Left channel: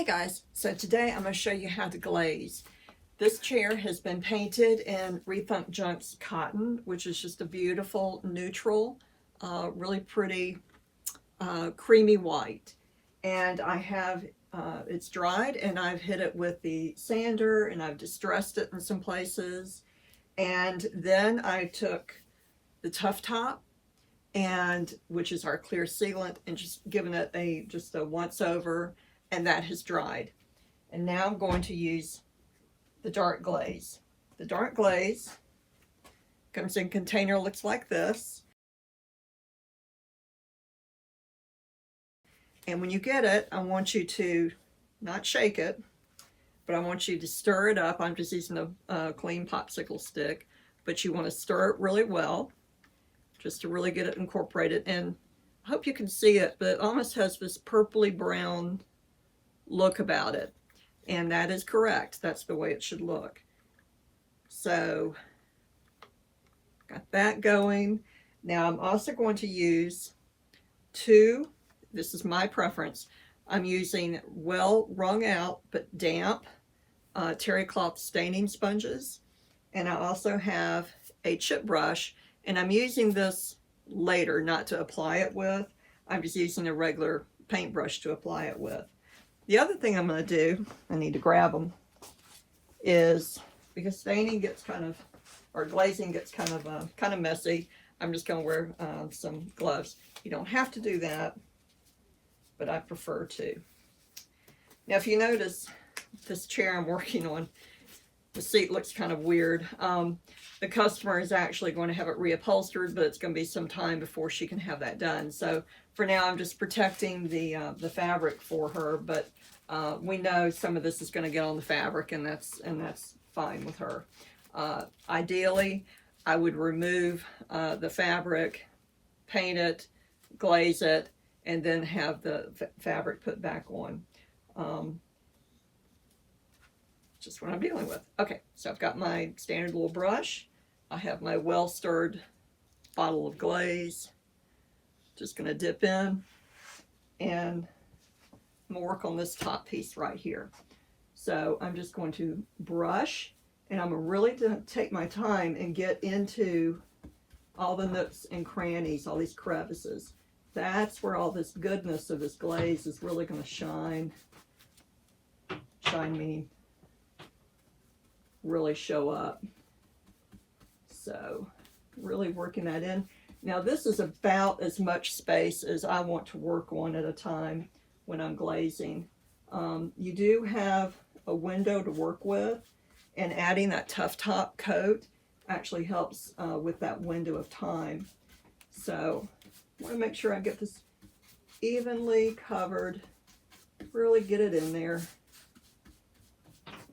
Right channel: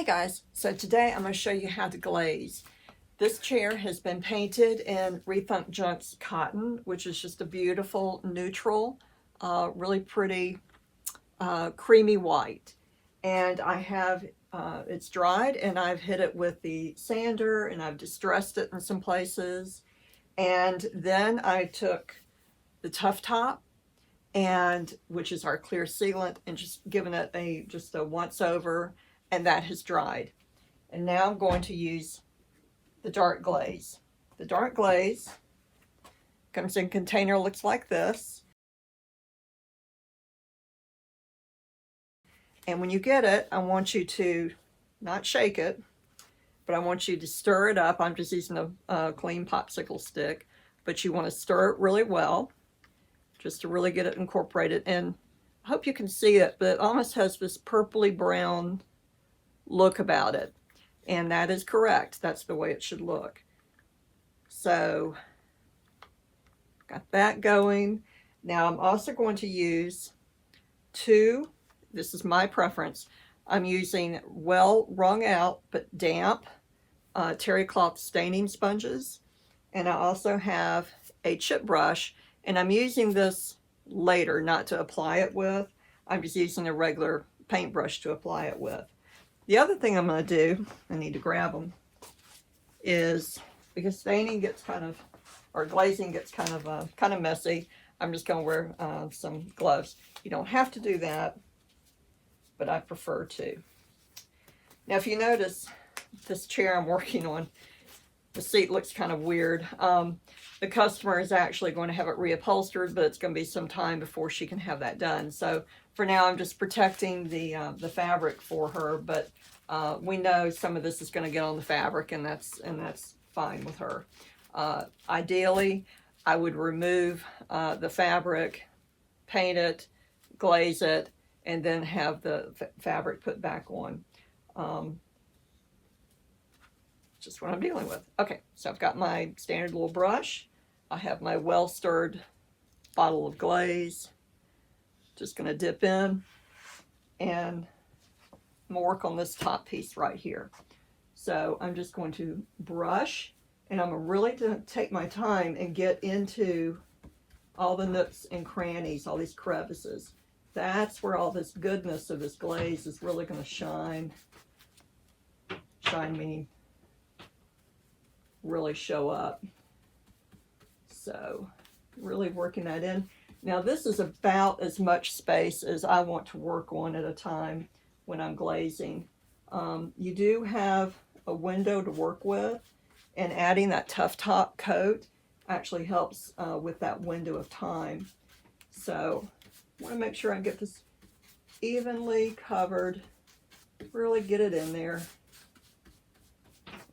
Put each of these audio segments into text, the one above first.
Hey guys, so today I'm going to show you how to glaze. This chair has been painted in Rethunk Junks cotton, which is just a beautiful neutral, really pretty creamy white. And I have, it's dried and I've hit it with the sander and I've distressed it in some places. And then I took the Tuff top, and which is our clear sealant, and just given it just a once over, and that has dried. And now I'm going to use the dark glaze. The dark glaze comes in a container, looks like this. And when you get it, I want you to not shake it, but I want you to stir it up. I'm just using a clean popsicle stick, but you want to stir it really well, just to really get it incorporated. And I hope you can see it, but it almost has this purpley brown look about it. And that is correct. That's the way it should look. So, got that going. Now I'm also going to use this is my preference, I'm using well wrung out but damp terrycloth staining sponges. And I also have a chip brush, and I'm using this later, not to apply it with. I'm just using a regular paintbrush to apply it with. The other thing I'm going to do, I need to grab them, is because staining gets or glazing gets kind of messy, I'm just going to wear some gloves. You don't have to do that, but I prefer to. Now, if you notice, this chair I'm working on, the seat looks kind of weird. The customer is actually going to have it reupholstered, but it's going to be some time before she can have that done. So for now, I'm just protecting the fabric for her, but we know some of this is going to get on the fabric, and that's fine with her. Ideally, I would remove the fabric, paint it, glaze it, and then have the fabric put back on. Just what I'm dealing with. Okay, so I've got my standard little brush. I have my well-stirred bottle of glaze. Just going to dip in, and I'm going to work on this top piece right here. So I'm just going to brush, and I'm really going to take my time and get into all the nooks and crannies, all these crevices. That's where all this goodness of this glaze is really going to shine. Shine meaning really show up. So really working that in. Now this is about as much space as I want to work on at a time when I'm glazing. You do have a window to work with, and adding that Tuff top coat actually helps with that window of time. So I want to make sure I get this evenly covered, really get it in there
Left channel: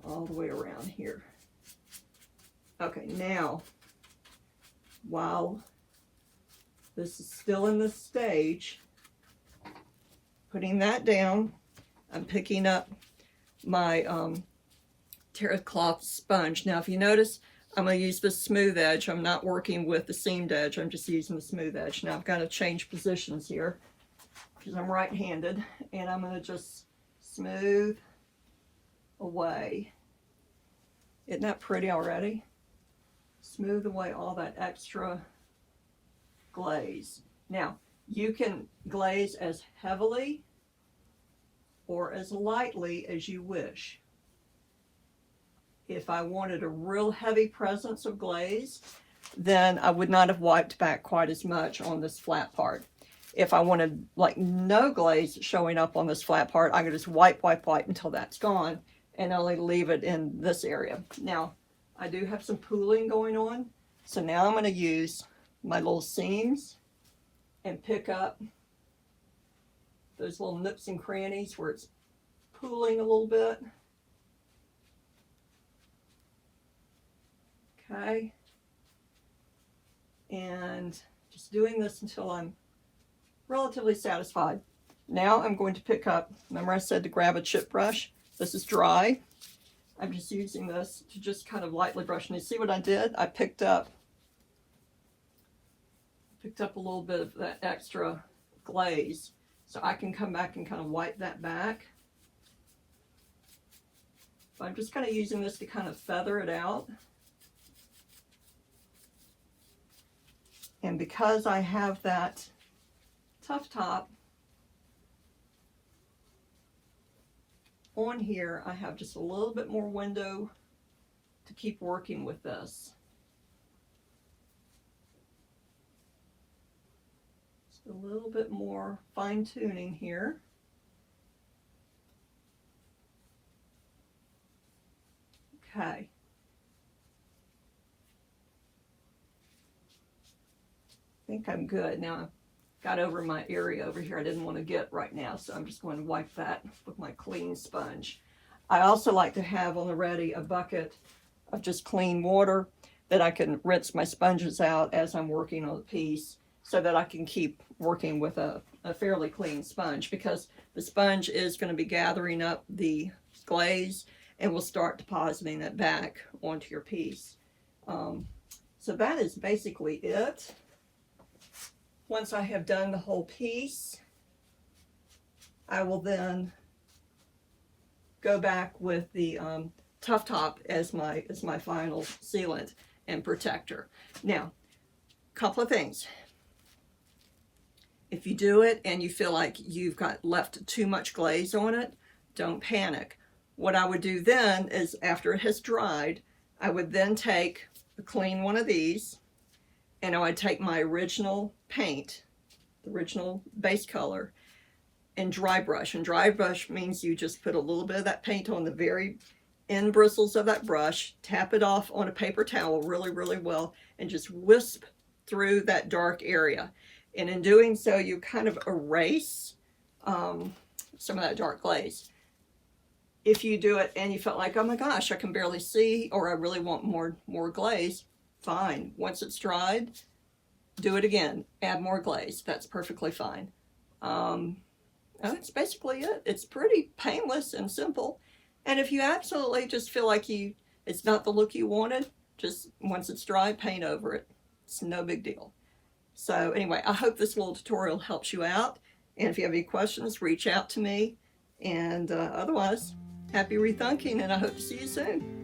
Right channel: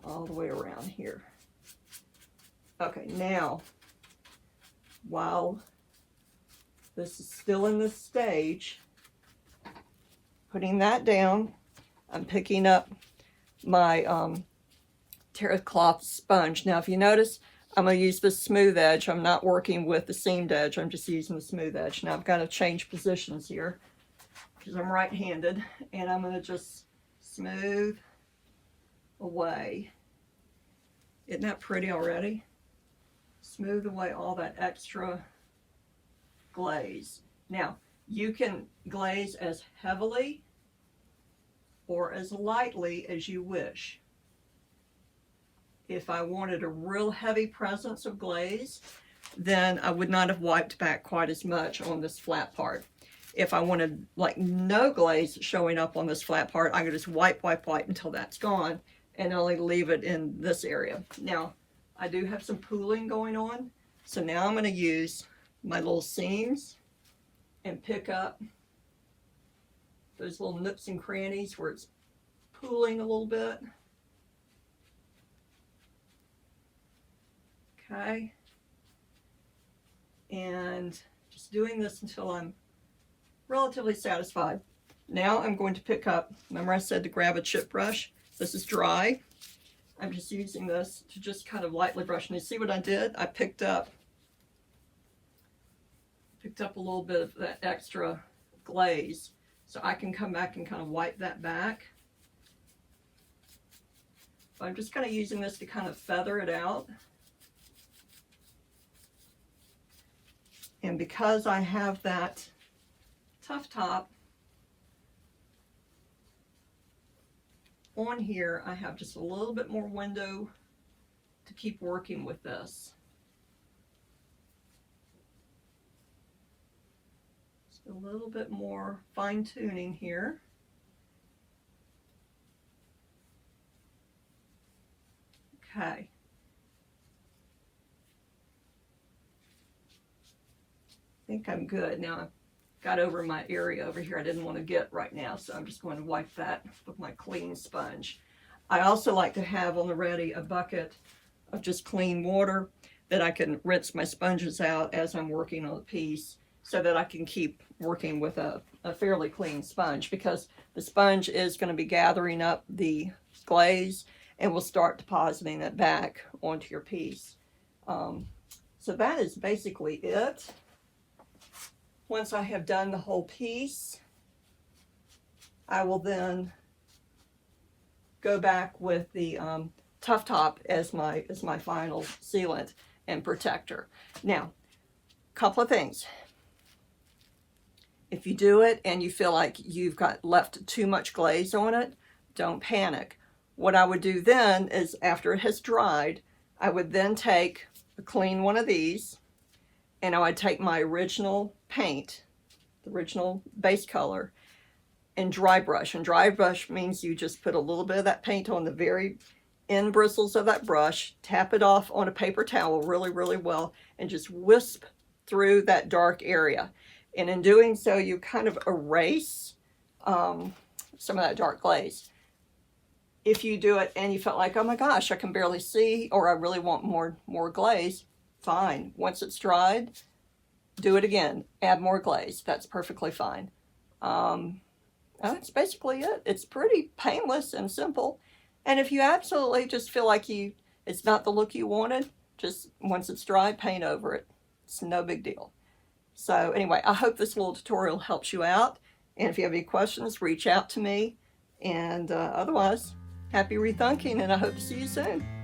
all the way around here. Okay, now while this is still in this stage, putting that down, I'm picking up my terrycloth sponge. Now if you notice, I'm going to use the smooth edge. I'm not working with the seamed edge. I'm just using the smooth edge. Now I've got to change positions here because I'm right-handed, and I'm going to just smooth away. Isn't that pretty already? Smooth away all that extra glaze. Now, you can glaze as heavily or as lightly as you wish. If I wanted a real heavy presence of glaze, then I would not have wiped back quite as much on this flat part. If I wanted like no glaze showing up on this flat part, I could just wipe until that's gone and only leave it in this area. Now, I do have some pooling going on, so now I'm going to use my little seams and pick up those little nooks and crannies where it's pooling a little bit. Okay, and just doing this until I'm relatively satisfied. Now I'm going to pick up, remember I said to grab a chip brush? This is dry. I'm just using this to just kind of lightly brush. And you see what I did? I picked up a little bit of that extra glaze, so I can come back and kind of wipe that back So I'm just kind of using this to kind of feather it out. And because I have that Tuff top on here, I have just a little bit more window to keep working with this. Just a little bit more fine tuning here. Okay. I think I'm good. Now I've got over my area over here I didn't want to get right now, so I'm just going to wipe that with my clean sponge. I also like to have on the ready a bucket of just clean water that I can rinse my sponges out as I'm working on the piece, so that I can keep working with a fairly clean sponge, because the sponge is going to be gathering up the glaze and will start depositing it back onto your piece. So that is basically it. Once I have done the whole piece, I will then go back with the Tuff top as my final sealant and protector. Now, a couple of things. If you do it and you feel like you've got left too much glaze on it, don't panic. What I would do then is, after it has dried, I would then take a clean one of these, and I would take my original paint, the original base color, and dry brush. And dry brush means you just put a little bit of that paint on the very end bristles of that brush, tap it off on a paper towel really, really well, and just wisp through that dark area. And in doing so, you kind of erase some of that dark glaze. If you do it and you felt like, oh my gosh, I can barely see, or I really want more glaze, fine. Once it's dried, do it again. Add more glaze. That's perfectly fine. That's basically it. It's pretty painless and simple. And if you absolutely just feel like it's not the look you wanted, just once it's dry, paint over it. It's no big deal. So anyway, I hope this little tutorial helps you out. And if you have any questions, reach out to me. And otherwise, happy rethunking, and I hope to see you soon.